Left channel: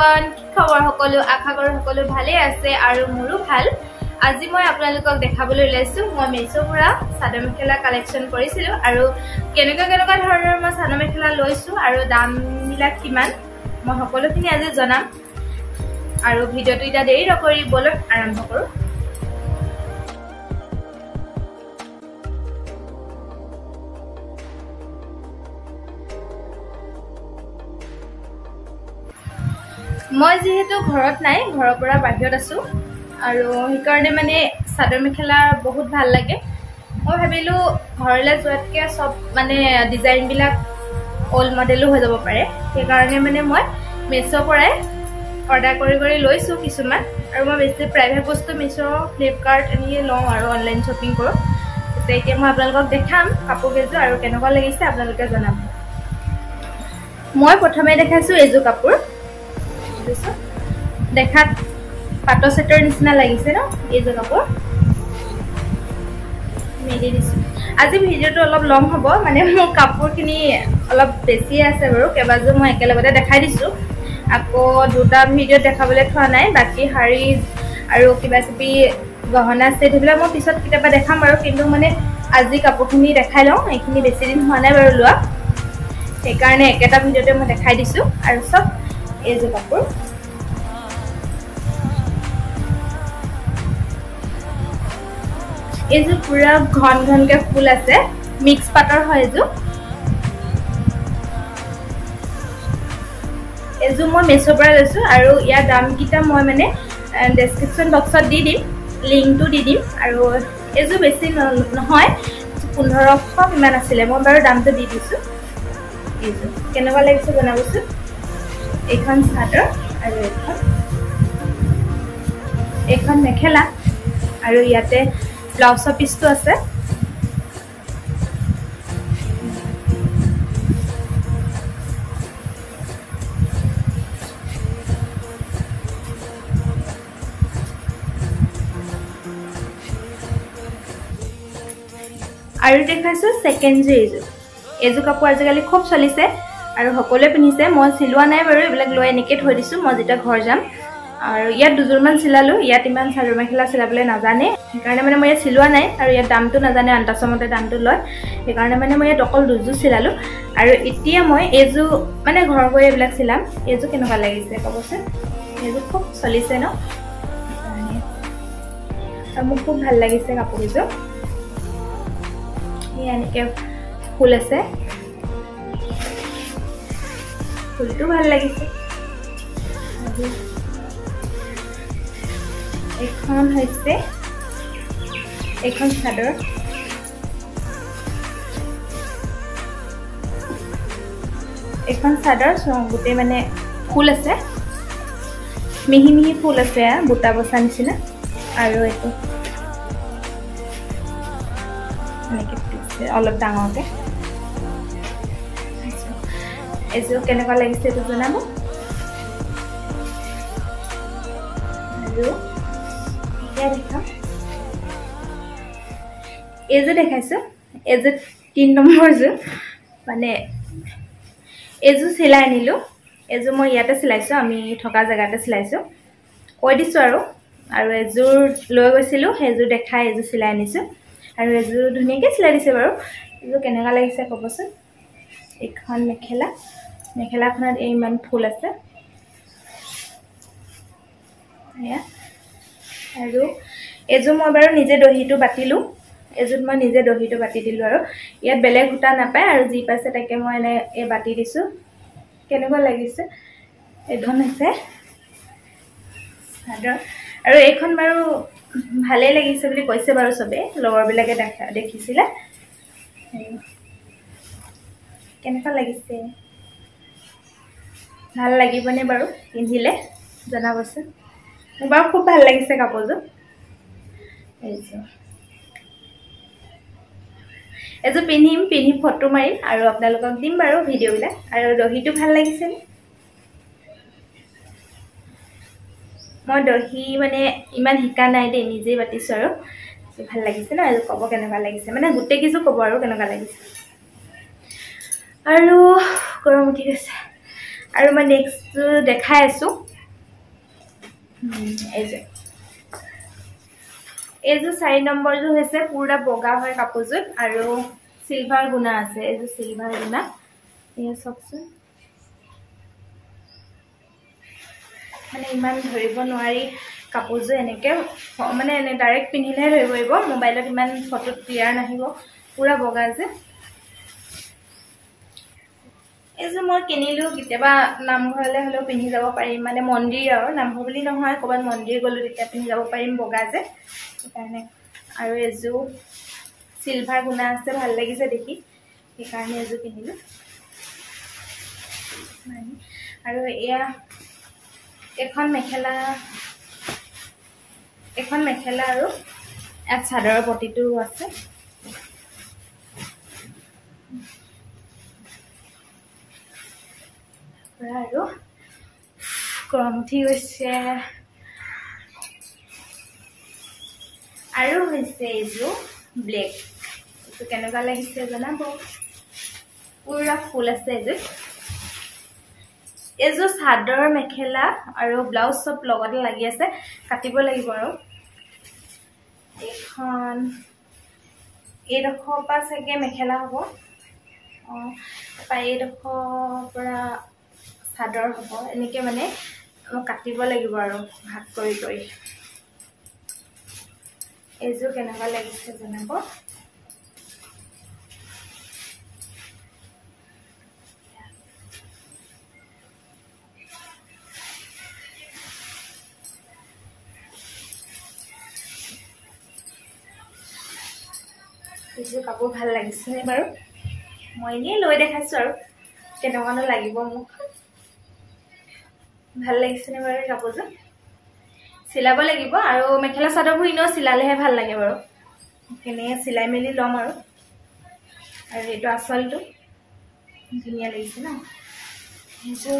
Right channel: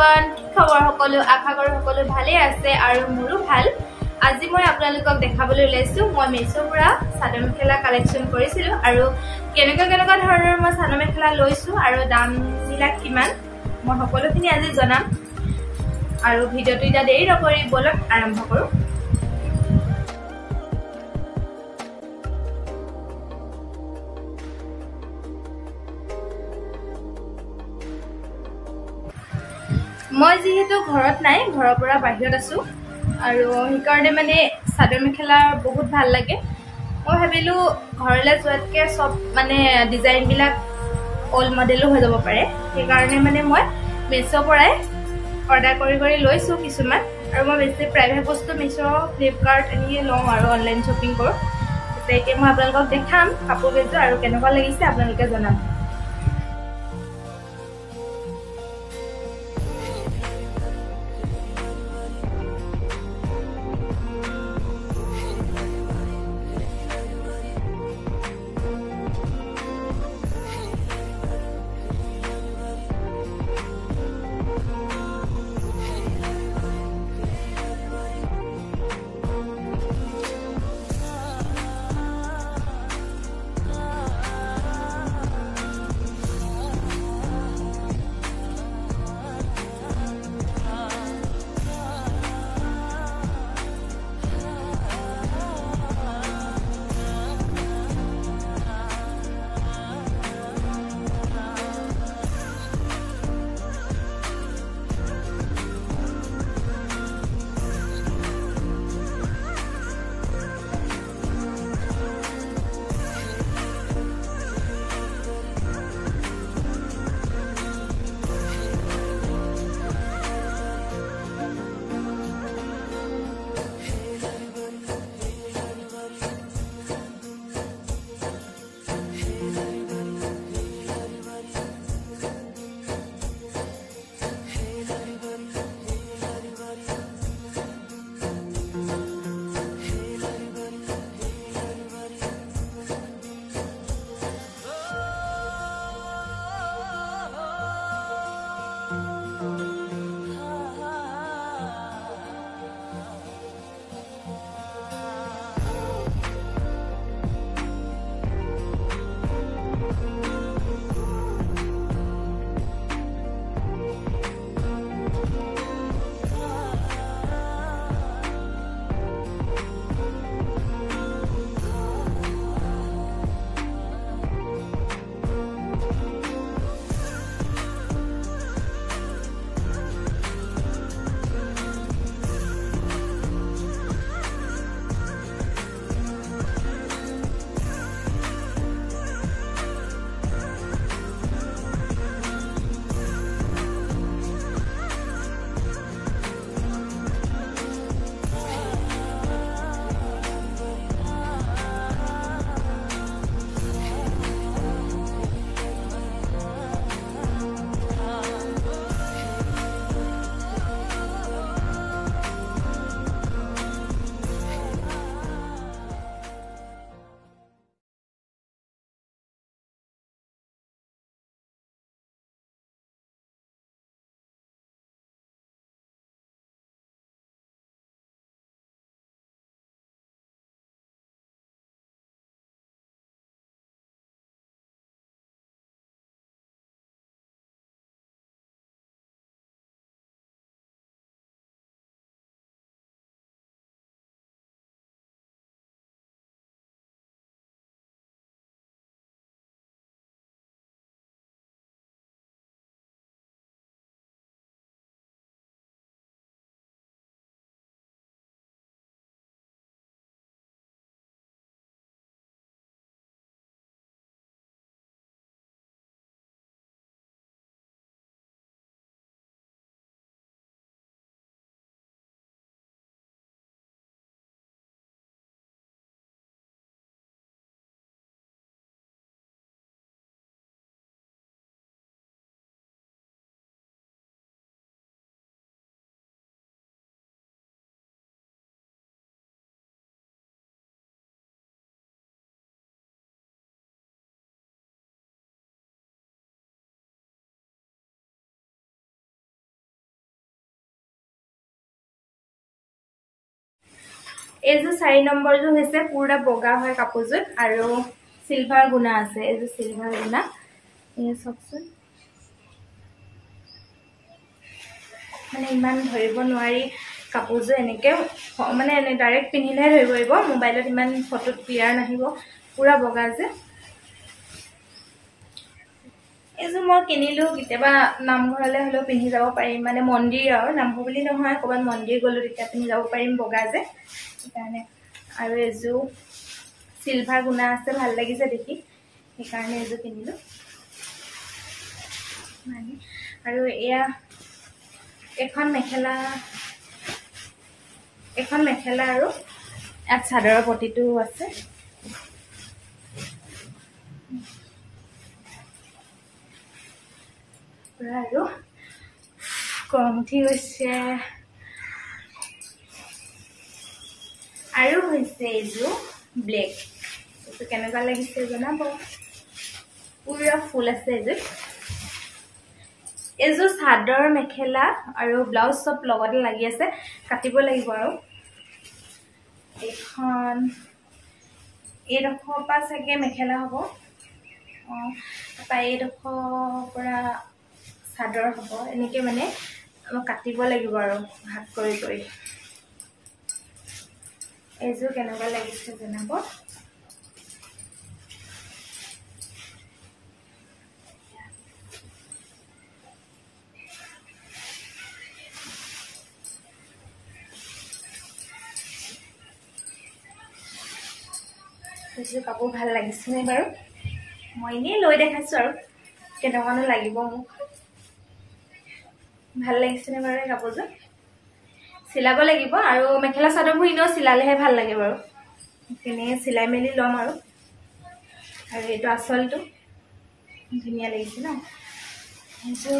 everyone, খবৰ সকলো আশা কৰো সকলো ভালে আছে আৰু মোৰো ভাল। আজি মই আপোনালোকক দেখাবলৈ ওলাইছো মই মেছো পৰা সাদৰ মেখেলা কালেকচন কৰিছিলো আৰু কেনেকুৱা ধৰণৰ মই সাদৰ মেখেলা লৈছো আৰু দাম বিলাক কিমান মই সকলোখিনি আজি জনাম আৰু ভিডিওটো ইটা দেৰি নকৰি বলক আৰম্ভ কৰো। মই যেহেতু ঘৰত নাই ঘৰৰ পৰা বাহিৰত আছো আৰু সেইকাৰণে মানে সাদৰ মেখেলা বহুত ভাল লাগে। মই ভাবিলো ঘৰলৈ যোৱাতকে সব মানে ডিজাইন বিলাক অল্ড মডেলো হৈ যাব পাৰে সেইকাৰণে মানে মই মেছো পৰাই অৰ্ডাৰ কৰি লৈছো কিছুমান আৰু মই বেছি প্ৰাইভেট বস্তু মেছো ফ্লিপকাৰ্ট এনে লওঁ আৰু অনলাইন শ্বপিং কৰো। এতিয়া মই আপোনালোকক দেখাম কাপোৰ কেইযোৰ আৰু কেনেকুৱা লাগিছে আপোনালোকে জনাব। মই প্ৰথমে দেখাইছো এযোৰ কাপোৰ দেখাত পাটো সেটৰ নিচিনা লাগিছে ন এইযোৰ কাপোৰ মেলি দিছো। আজি ভিডিওটো অলপ লং হ'ব মানে মোৰ কাপোৰখিনি অলপ বেছি আছে বাৰু কেবাযোৰ মই একেলগতে দেখাই দিছো আকৌ দুটা ভিডিও দেখাবলৈ থোৱা নাই বাকি শাৰী আৰু কিবা কিবি গহনা সেট এইবিলাক মই পিছত কিবা দেখাম বাৰু কিন্তু মানে আজি কাপোৰখিনি দেখাই লওঁ এইখিনি বেছি দিন হোৱা নাই বাৰু লোৱা সেইকাৰণে একেটা ভিডিওতে মই দেখাই দিছো আৰু সব এইযোৰ কাপোৰ এইযোৰ পুৰা ঘনকে ফুল আছে মিক্স পাটৰ হয় এইযোৰ মই মেছো পৰা লৈছো আৰু ইয়াৰ দাম কিটা মই মানে ডেসক্ৰিপচন বক্সত দি দিম লিংকটো দি দিম আৰু এইযোৰ বেছি নহয় 1500 ইমান আছিল মই বাৰু দামটো দি দিছো। কেনেকুৱা লাগিছে জনাবচোন। এখন চাদৰ আৰু এখন মেখেলা আৰু ইয়াতে ব্লাউজৰ পিছটো আছে আৰু দেখাইছো সেকেন্ড এইযোৰ কাপোৰ আজিকালি খুব চলিছে আৰু সকলোৱে পিন্ধিছে মই চিলোৱা নাই বাৰু এইবিলাক লৈ এনেকে থৈ দিছো মই যেতিয়া ঘৰ যাম আৰু ইয়াত দুজোৰমান চিলালো ইয়াত ইমান সাদৰ মেখেলা চিলাবলৈ নাজানে সেইকাৰণে মানে মই ইয়াত চিলোৱা নাই আৰু ইয়াত দামটো নাজানে আন্তাসমতে দামটো লয় সেইকাৰণে মানে মই ইয়াত অকল দুযোৰ চিলালো আৰু এতিয়া মই এইযোৰ মানে ঘৰ গৈ এইবিলাক চিলাম। এইযোৰ কেনেকুৱা লাগিছে ক'বচোন। এইযোৰ খুব চলিছে ন মোৰ খুব ভাল লাগিছে কাপোৰযোৰ এনেকে ফুল আছে ফুলটো ভাল লাগিছে। এখন হৈছে এখন চাদৰ গোটেই মানে ফুল আছে মিহি ফুল আছে বুটা বচা নিচিনা আৰু এইটো অলপ ডাঙৰকে এইযোৰ কেনেকুৱা লাগিছে এইটো জনাব। এইযোৰ দেখাইছো এইযোৰ 3 নম্বৰ যোৰ মানে এইযোৰ চিলাই আনিলো এইযোৰ মই ইয়াতে চিলাইছো আমি থকা জেগাতে চিলাইছো কৈ দিছো আৰু এযোৰ লৈ গৈছিলো সেইযোৰ দেখাই এইযোৰ চিলাই আনিছো আৰু এযোৰ ধুনীয়াকে চিলাই দিছে বাৰু। এইযোৰ কেনেকুৱা লাগিছে ক'বচোন। এখন মেখেলাখনত ইমান ফুল আছে আৰু এযোৰ মই বাৰু নিজে দহিটো বাতিলো এযোৰ মই নিজে দহিটো বাতি দিলো আৰু ইয়াত বেলেগ সূতা নাপায় আৰু যি পাইছে তাকে মই এনে এই বাতি দিছো। কেনেকুৱা লাগিছে এইখন আছে চাদৰ আৰু এইখন বাৰু ভালে লাগিছে বুলি কৈছে বাৰু সবে লগৰ বিলাকে দেখিছিলে কেনেকুৱা লাগিছে ভাল লাগিবনে বাৰু পিন্ধিলে জনাবচোন। মোৰ বাৰু খুব ভাল লাগিছে কাপোৰযোৰ এইযোৰ পিন্ধি ফটো মাৰিম আৰু আপোনালোকক দিম বাৰু ভিডিও বিলাক আৰু দহিটো ভাল লাগিছে মই দহি মানে ইমান শিকা নাই দেই নিজে বাতিছো আৰু ভাল লাগিছে ন এইযোৰ ক'ব কেনেকুৱা লাগিছে মানে গোটেই কিছু ক'ব আৰু কেনেকুৱা লাগিছে আৰু গৰম উঠি গৈছে আৰু মই নেক্সট দেখাই আছো এই যে 4 নম্বৰটো হৈছে পুৰা বগা হয় কাপোৰযোৰ আৰু সিলভাৰ গুনা আছে এই যে সিলভাৰ গুনা এই সবচোন মানে ইমান ধৰিব নোৱাৰি কাপোৰযোৰ এনেকে মানে এনে ডাইৰেক্ট পিন্ধিলে ধৰিব পাৰিব মোবাইলত ইমান ফটো ক্লিয়াৰ নাহিব পুৰা বগা যে এজো মই কিনিলো কিতেবা নামঘৰলে হলো পিন্ধি যাব পাৰিম মানে মন্দিৰ আৰু নামঘৰ বুলি নহয় কবাত মন্দিৰ গলো তেতিয়া পিন্ধি যাব পাৰিম বগা যে সেইকাৰণে আৰু এজো সিলভাৰ গুনা আছে ভাল লাগিছে দেখি সেইকাৰণে এজো কিনিলো মানে আৰু এয়া এখন মেখেলা আৰু এক চাদৰৰ পটিটো আছে আৰু গৰম উঠি গৈছে আৰু হৈছে এইজো ব্লেক এইটো কেনেকুৱা লাগিছে জনাব পুৰা ফুল আছে এইজো চাদৰ মেখেলা আৰু ব্লাউজ সব লগতে লাগি আছে কাটিব লাগিব আৰু এখন এডখৰ পা সকে মেখেলা হ'ব পাই এডখৰ পৰা চাদৰ হ'ব এনেকে মানে কাটিব লাগিব আৰু ভাগ কৰি এইজো কেনেকুৱা লাগিছে জনাব এইজো কাপোৰ ভাল লাগিছে নে বাৰু মই নি লৈ দেখাইছো আৰু কেনেকুৱানো লাগিব মোক ভাল লাগিছে নে বাৰু কাপোৰযোৰ সিলাব লাগিব আৰু মেখেলা চাদৰবোৰ ইনো সিলালেহে ভাল লাগে বাৰু কেনে সিলাই মেলি লম আৰু এইটো আসলটো ধুনিয়া লাগিছে না এইজো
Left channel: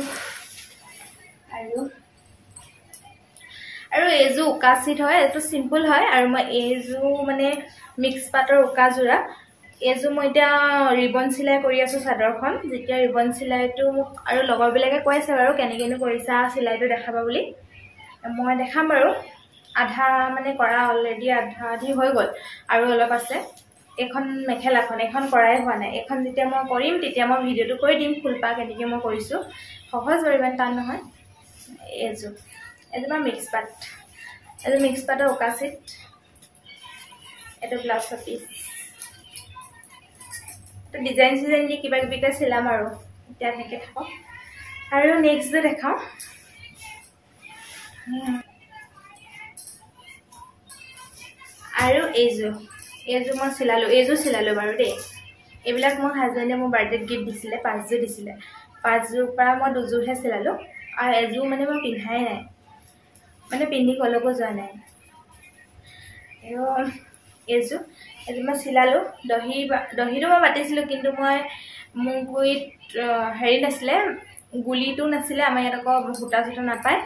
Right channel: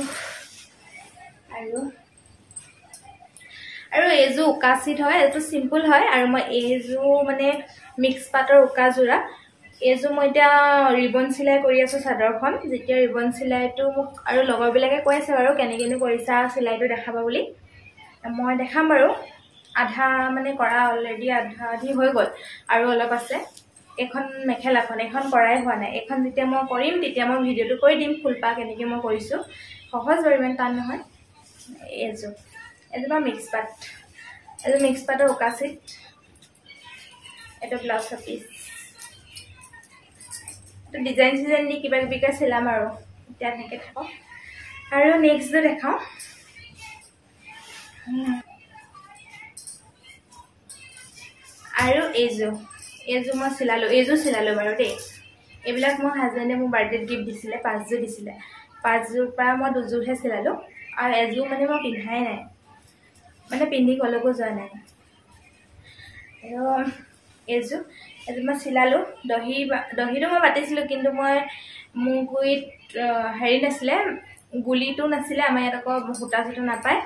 আৰু এইজো উকাচিত হয় এটো সিম্পল হয় আৰু মই এইজো মানে মিক্স পাটৰ উকা জোৰা এইজো মই এতিয়া ৰিবন সিলাই কৰি আছো চাদৰখন যেতিয়া ৰিবন সিলাইটো মোক আৰু লগৰ বিলাকে কৈ আছে বাৰু কেনেকেনো কৰিছা সিলাইটো দেখাবা বুলি মই দেখাম বাৰু আধা মানে কৰা অলৰেডি আধা আধি হৈ গল আৰু অলপ আছে এখন মেখেলাখন এখন কৰাই হোৱা নাই এখন যেতিয়া মই কৰিম তেতিয়া মই ভিডিওটো কৰি দিম ফুলপা কেনেকে মই কৰিছো সহজ বাৰু ইমান টান নহয় এইজো মিক্স পাটৰ উকাচিত এটা ব্লাউজ পিস এটা ডিজাইন দি কিবা কিবিকা সিলাম আৰু এতিয়া এনেকে থাকক আৰু নেক্সট দেখাও আৰু এইজো মই সিলালো বাৰু দেই এইবিলাক মই হাজবেণ্ডে মোৰ বাৰ্থডেত গিফট দিছিলে 5 জোৰ দিছিলে 5 জোৰ পৰা মই 2 জোৰহে সিলালো আৰু এজো মানে মই পিন্ধাই নাই মানে পিন্ধি কলৈকো যোৱা নাই এইজো মই সিলালো দহিটো মই বাতিছিলো কিন্তু মই মুগুইত হেৰি নাছিলে গুলিটো নাছিলে আমাৰ ইয়াত আকৌ হুটা চুটা নাপায়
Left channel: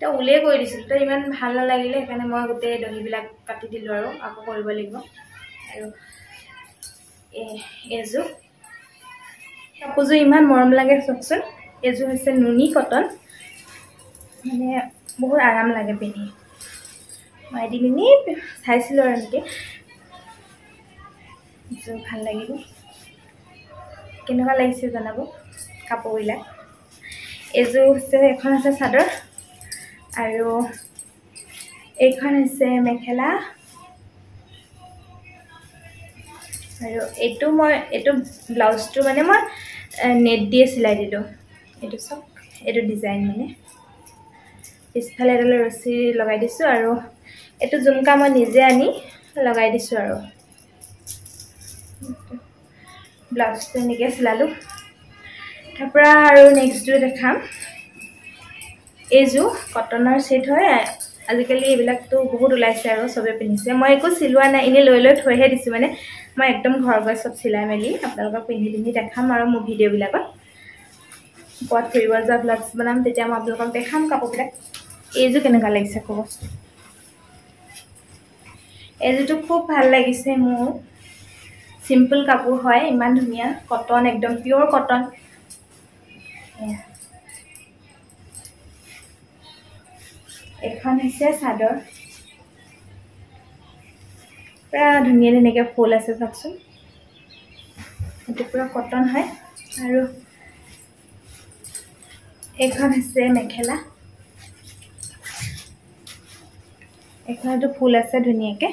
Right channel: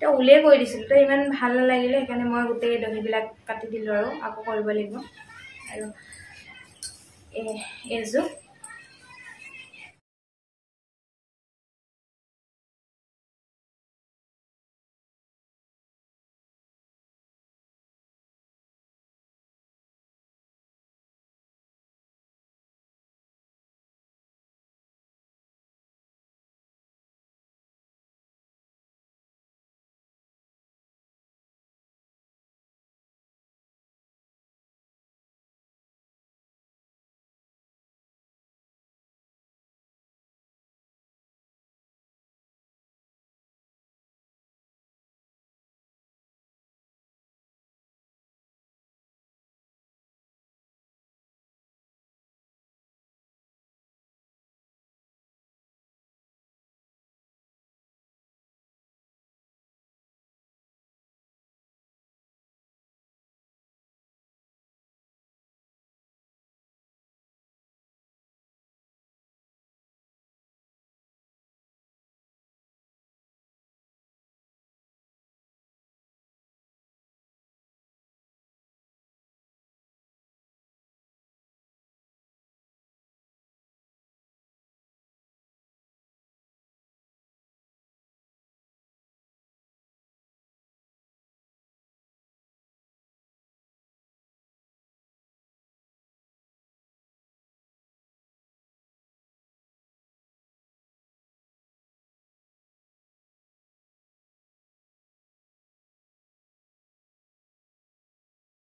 তো উলে কৰি দিছিল তো ইমান ভাল নালাগিলে সেইকাৰণে মই গোটেই দহিবিলাক কাটি দিলো আৰু আকৌ কৰিব লাগিব আৰু এইজো কাপোৰযোৰ ইমান মৰম লাগে চকচোন এইজো হৈছে নুনি কটন মানে বহুত আৰাম লাগে পিন্ধি মই এদিন চাইছিলো আৰু এনেকে ভাল লাগিব কেনেকুৱা লাগিছে জনাব কাপোৰবিলাক এইজো হৈছে এখন আছে চাদৰ আৰু এইখন হৈছে মেখেলা আৰু এইটো ব্লাউজটো মানে মই নেট দিয়ে সিলাই দিলো এইটো সব এইটো ডিজাইন মানে পিছফালে এডাল ৰছী লগাই দিছো আৰু এইটো জুমকা মই নিজে আনি লগাই দিছো আৰু ব্লাউজটো এনেকে সিলালো তাৰপৰা আৰু নেক্সট দেখাম এইজো কটনৰ সেট হয় আজিকালি এইবিলাকটো বহুত ওলাইছে আৰু সবে পিন্ধিছে মই একো সিলোৱা নাই ইনে লৈ থৈহে দিছো মানে মই একদম ঘৰ গৈ সব সিলাই মেলি আপোনালোকক পিন্ধি দেখাম আৰু মোৰ ভিডিও বিলাকত পট ফুৰিব যোৱা ব্লগছ বনাম তেতিয়া মই আপোনালোকক দেখাম কাপোৰবিলাক এইজো কেনেকুৱা লাগিছে ক'ব এইজোটো খুব ভাল লাগিছে মোৰ সিম্পল কাপোৰ হয় ইমান ধুনিয়া কটন একদম পিওৰ কটন এখন হৈছে চাদৰ পুৰা ধুনীয়া ধুনীয়াকৈ ফুল আছে চাওকচোন এইটো পুৰা কটন হয় আৰু এখন হৈছে মেখেলা এখনতো ফুল আছে ধুনীয়াকৈ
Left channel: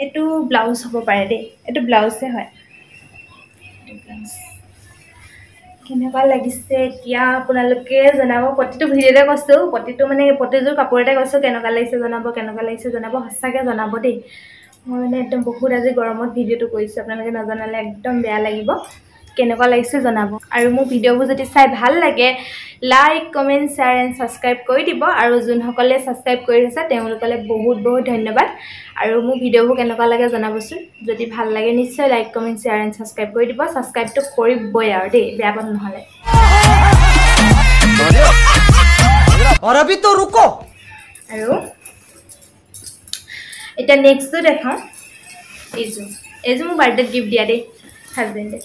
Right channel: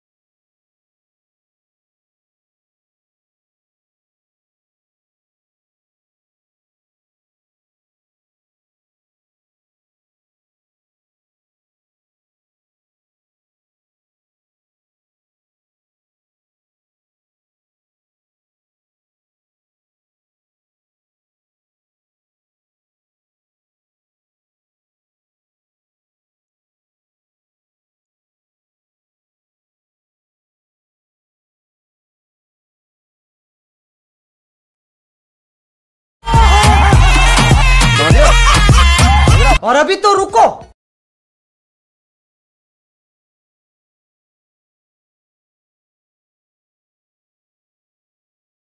এইটো ব্লাউজ হ'ব পাৰে দেই এইটো ব্লাউজে হয় কেনেকুৱা লাগিছে এতিয়া আপোনালোকে জনাব প্ৰতিটো ভিডিঅ'তে কৈছোঁ প্ৰতিটো মানে প্ৰতিযোৰ কাপোৰতে কৈছোঁ কেনেকুৱা লাগিছে জনাব সঁচাকৈ জনাব দেই মই মানে একদম বহুত আজি গৰমত ভিডিঅ'টো কৰিছোঁ আপোনালোকে নজনালে একদম বেয়া লাগিব কেনেকুৱা লাগিছে জনাব আৰু মোৰ ভিডিঅ'বোৰ যদি চাই ভাল লাগে like comment share and subscribe কৰি দিব আৰু যোনসকলে ছাবস্ক্ৰাইব কৰি আছে তেওঁলোকলৈ বহুত বহুত ধন্যবাদ আৰু মোৰ ভিডিঅ'বোৰ কেনেকুৱা লাগে জনাবচোন যদি ভাল লাগে নিশ্চয় like comment share and subscribe কৰি দিব ছাবস্ক্ৰাইবটো কৰিবই আৰু দেই বেয়া পাব নহ'লে और अभी तो रुको আৰু এটা নেক্সটটো দেখাওঁ এইযোৰ মোৰ বাৰ্থডেত গিফ্ট দিয়া দেই হাজবেণ্ডে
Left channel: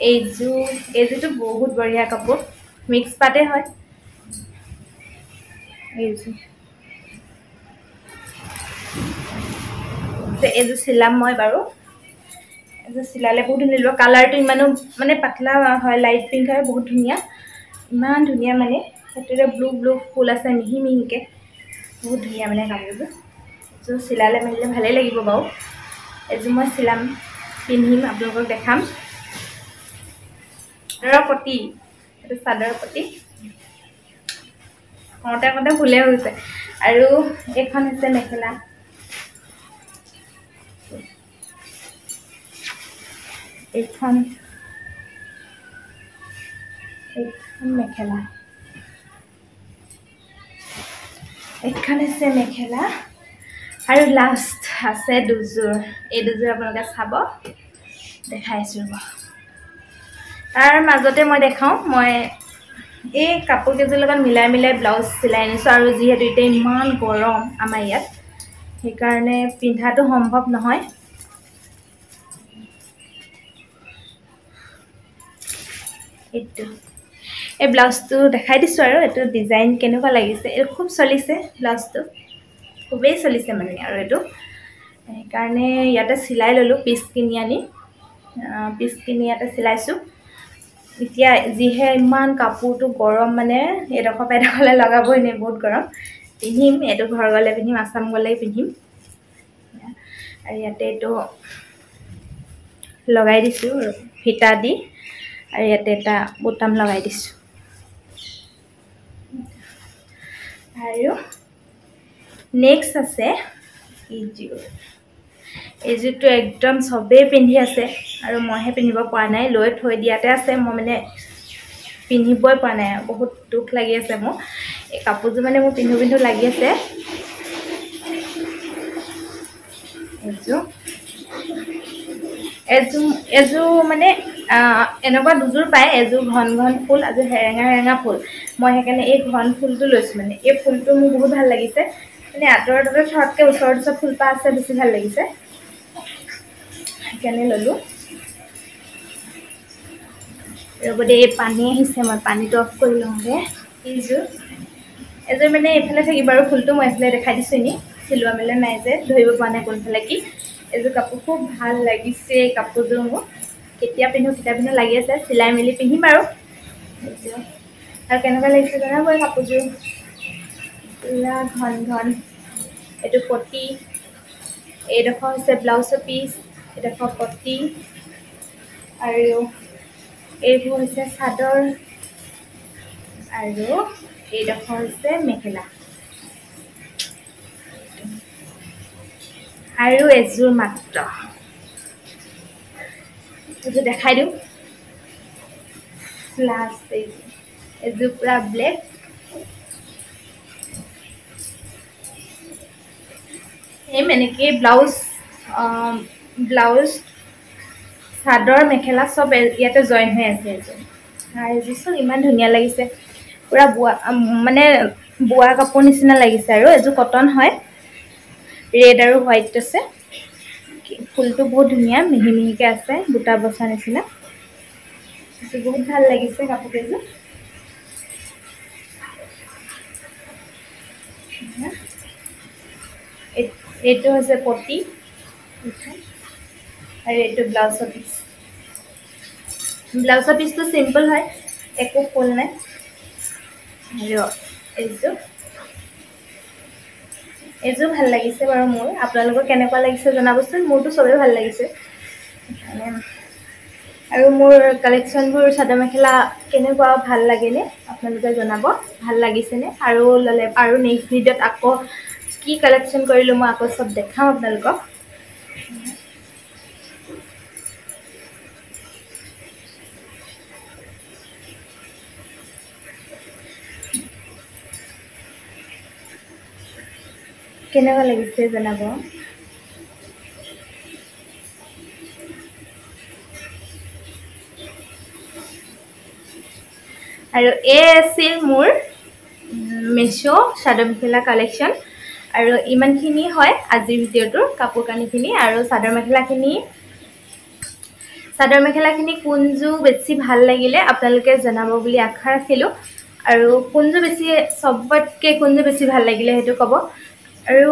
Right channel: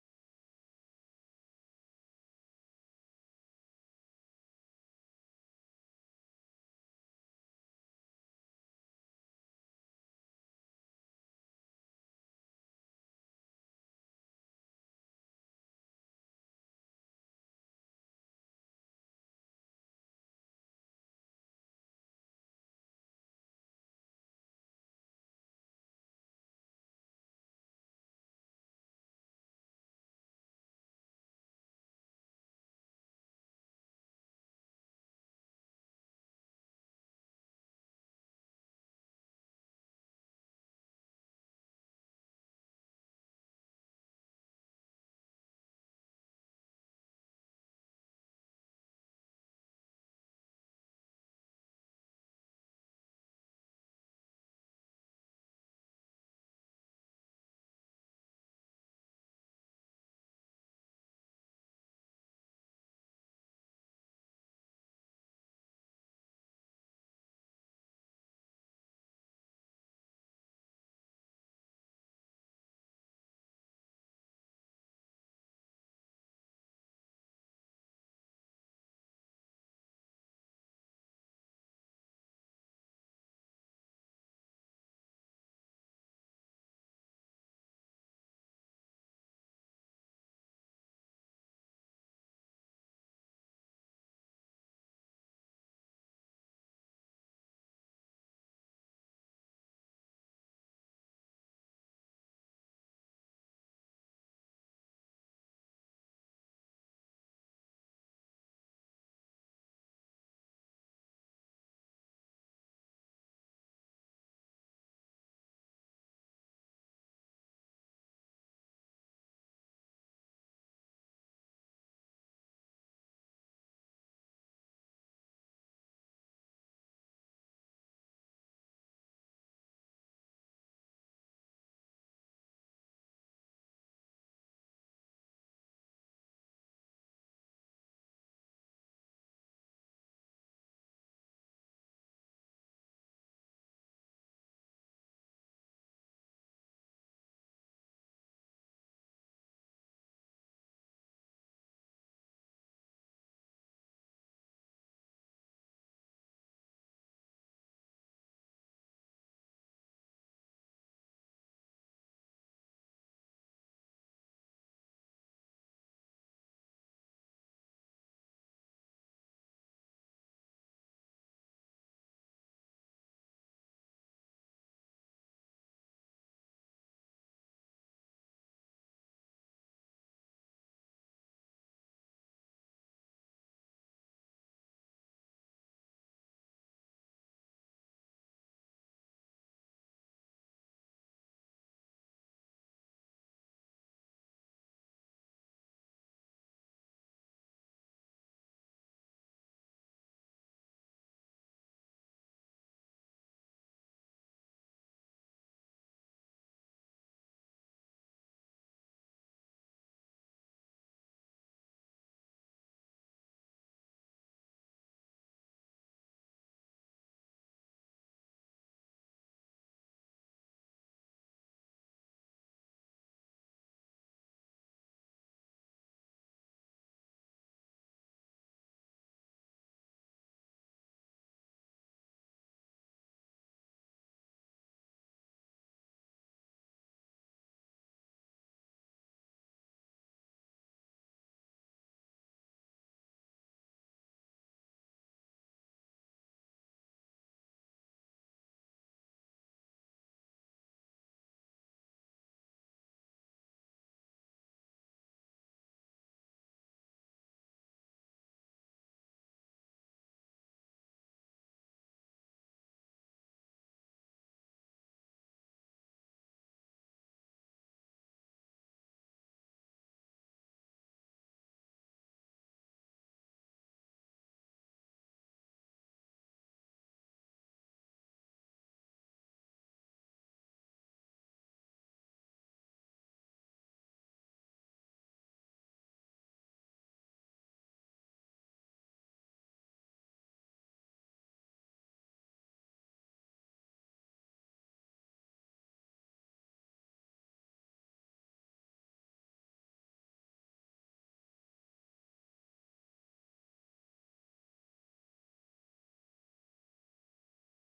এইযোৰটো বহুত বঢ়িয়া কাপোৰ মিক্স পাতে হয় এইযোৰ চিলাম মই বাৰু এইযোৰ চিলালে বহুত ধুনীয়া লাগিব কালাৰটো ইমানো মানে পাতলা হয় লাইট পিংক হয় বহুত ধুনীয়া ইমান ধুনীয়া মানে সেইটোতে ব্লু ফুল আছে মিহি মিহিকৈ বহুত ধুনীয়া মানে কাপোৰযোৰ এইযোৰ চিলালে মেলিলে ভালেই লাগিব বাৰু এইযোৰ মই চিলাম পিন্ধিম আপোনালোকক দেখাম চাদৰৰ পতি এইটো চাদৰৰ পতি কওঁতে ফুলে হৈছে আৰু এইখন হৈছে মেখেলা এইখন মেখেলা এইখন হৈছে মেখেলা আৰু লাষ্ট আছে দুযোৰ এই দুযোৰ আপোনালোকে চাব দেখাইছোঁ ৰ'ব তাৰ মাজতে মই দেখাওঁ মই এই কাপোৰ কেইযোৰ লগত মিলাই ব্লাউজ চিলাই আনিছোঁ আৰু যিহেতু এতিয়া ইমান গৰম আমাৰ ইয়াত সেইকাৰণে পিন্ধাটো সম্ভৱ নহয় এইটো এই ব্লাউজটো দেখাই দিছোঁ আৰু এইটো ডিজাইন কেনেকুৱা লাগিছে এইটো খুব চলিছে ব্লাউজটো খুবেই চলিছে মানে আৰু এইটো সেইকাৰণে ইয়াতে চিলাই ল'লোঁ পিচ কিনি আনি ইয়াতে চিলাইছোঁ এতিয়া যিহে ইমান কাপোৰটো গৰম মানে এডোখৰ পেডোখৰলৈ লগাবই নে বহুত গৰম পিন্ধিম এইটো ঘৰ গ'লে পিন্ধিম আসাম গ'লে পিন্ধিম আৰু ইয়াতে এইটো লগাই দিছোঁ ফিটা দি আৰু ইয়াতে এটা বুটাম লগাই দিছোঁ আৰু নেক্সট আছে এইযোৰটো একদম চবেই পিন্ধি আছে আৰু মইহে পিন্ধিব পৰা নাই লৈ থৈ দিয়াতে আছে মই মানে পিন্ধিবই পৰা নাই বহুত দুখ লাগি আছে মোৰ এই কাপোৰযোৰ মানে মোৰ পিন্ধো লাগি আছে এযোৰ মানে এনেকুৱা দুযোৰ পায় এযোৰ ঘন ফুল এযোৰ হেৰেঙা ফুল মই সেইকাৰণে এই ঘন ফুলটো লৈছোঁ মানে এই ফুলটো মোৰ বহুত ভাল লাগিছে মানে আঁতৰত থোৱাতকৈ ওচৰত ফুলপাহ আছে বেছি ভাল লাগিছে সেইকাৰণে ল'লোঁ ৰ'ব দেই পানী আহিছে মই পানীটো অফ কৰি লওঁগৈ এইযোৰ মানে এইফালে থাকিব আৰু ফুলটো মই এইফালে দেখাই দিছোঁ এনেই চিলোৱা মেলা নাই যে ধৰিব পৰা নাই কোনফালে কি এইযোৰ কাপোৰ খুব ভাল লাগিছে কাপোৰযোৰ মোৰ কেতিয়া পিন্ধো লাগি আছে চিলাই মেলি পিন্ধিম আৰু কেনেকুৱা লাগিছে জনাব এই কাপোৰযোৰ পুৰা ঘন এইটো পতি এইডোখৰ হৈছে ব্লাউজৰ পিচ এইডোখৰ পতি আৰু এইবোৰ হৈছে চাদৰ আৰু এইডোখৰ হৈছে মেখেলা আৰু এযোৰ মাত্ৰ এইযোৰ দেখাই দিওঁ লাষ্ট এযোৰ পুৰা ব্লেক এই এনেকৈ ব্লাউজ চাদৰ মেখেলা চব ইয়াতে জইন হৈ আছে এইযোৰ চোন ইমান ধুনীয়া লাগিছে পুৰা বোৱা কাপোৰ নিচিনা লাগিছে আৰু এইযোৰ কটন হয় ৰেড আৰু হোৱাইট আছে ফুলটো বহুত ধুনীয়া মিহি মিহিকৈ আছে বুটা বচা নিচিনা বহুত ভাল লাগিছে কাপোৰ কেইযোৰ। এইটো হৈছে পটি আৰু এইটো ব্লাউজৰ পিচ। ব্লাউজৰ পিচটো চিম্পল হয়, একো ফুল নাই। আৰু এইযোৰ ভাল লাগিছে বাৰু মোৰ। আপোনালোকৰ কেনেকুৱা লাগিছে জনাবচোন। মোৰতো চবেই ভাল লাগিছে। আৰু মোৰ কালেকশ্যনবোৰ চাদৰ মেখেলা কেনেকুৱা ভাল লাগেনে আপোনালোকে জনাব। ভাল লাগিছেনে? আৰু ল'লে আৰু নেক্সট ভিডিঅ'ত আকৌ কি কালেকশ্যন কৰিলোঁ মই আকৌ চব দেখাম আপোনালোকক। কেনেকুৱা লাগিছে জনাব। আৰু এই আছিল মোৰ মেছো চাদৰ মেখেলা কালেকশ্যন। আৰু ইমানখিনি হয় আজিৰ ভিডিঅ'টোৰ কাপোৰ কানিখিনি। আৰু চাদৰ মেখেলাখিনি কোনযোৰ বেছি ভাল লাগিলে আপোনালোকে জনাব বুলি আশা ৰাখিলোঁ। আৰু কোনযোৰ চবতকৈ কোনযোৰ বেছি ভাল লাগিলে সেইটো ক'ব। আৰু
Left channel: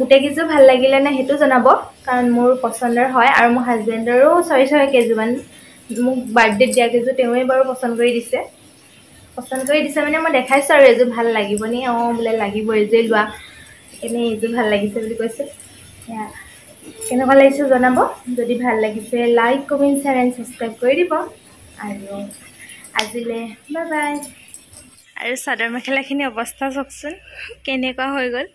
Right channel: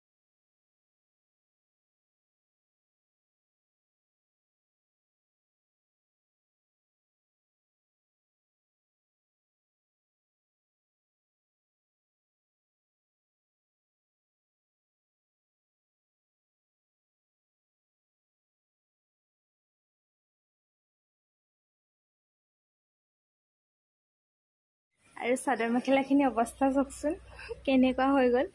গোটেইকেইযোৰ ভাল লাগিলে নে সেইটো জনাব, কাৰণ মোৰ পচন্দৰ হয়। আৰু মোৰ হাজবেণ্ডৰো ছয় কেইযোৰমান মোক বাৰ্থডেত দিয়া কেইযোৰ তেওঁৱে বাৰু পচন্দ কৰি দিছে মানে মই দেখাইছোঁ আৰু এইযোৰ ভাল লাগিবনে। বোলে লাগিব, এইযোৰে লোৱা। সেইকাৰণে এইযোৰ ভাল লাগিছে বুলি কৈছে। কেনেকুৱা লাগিছে জনাব। যদি ভাল লাগিছে like, comment, share and subscribe কৰি দিব। আৰু আজিলৈ বাই বাই। আৰু চাদৰ মেখেলাখিনি অৱস্থা চাওকচোন কেনেকুৱা হৈ গ'ল।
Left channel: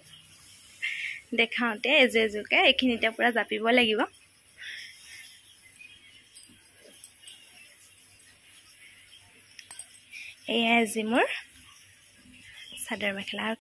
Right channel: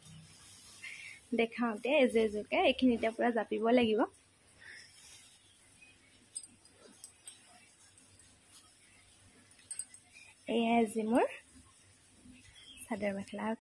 দেখাওঁতে এযোৰকে এইখিনিতে পূৰা জাপিব লাগিব। এয়াই আজি মোৰ চাদৰ মেখেলা।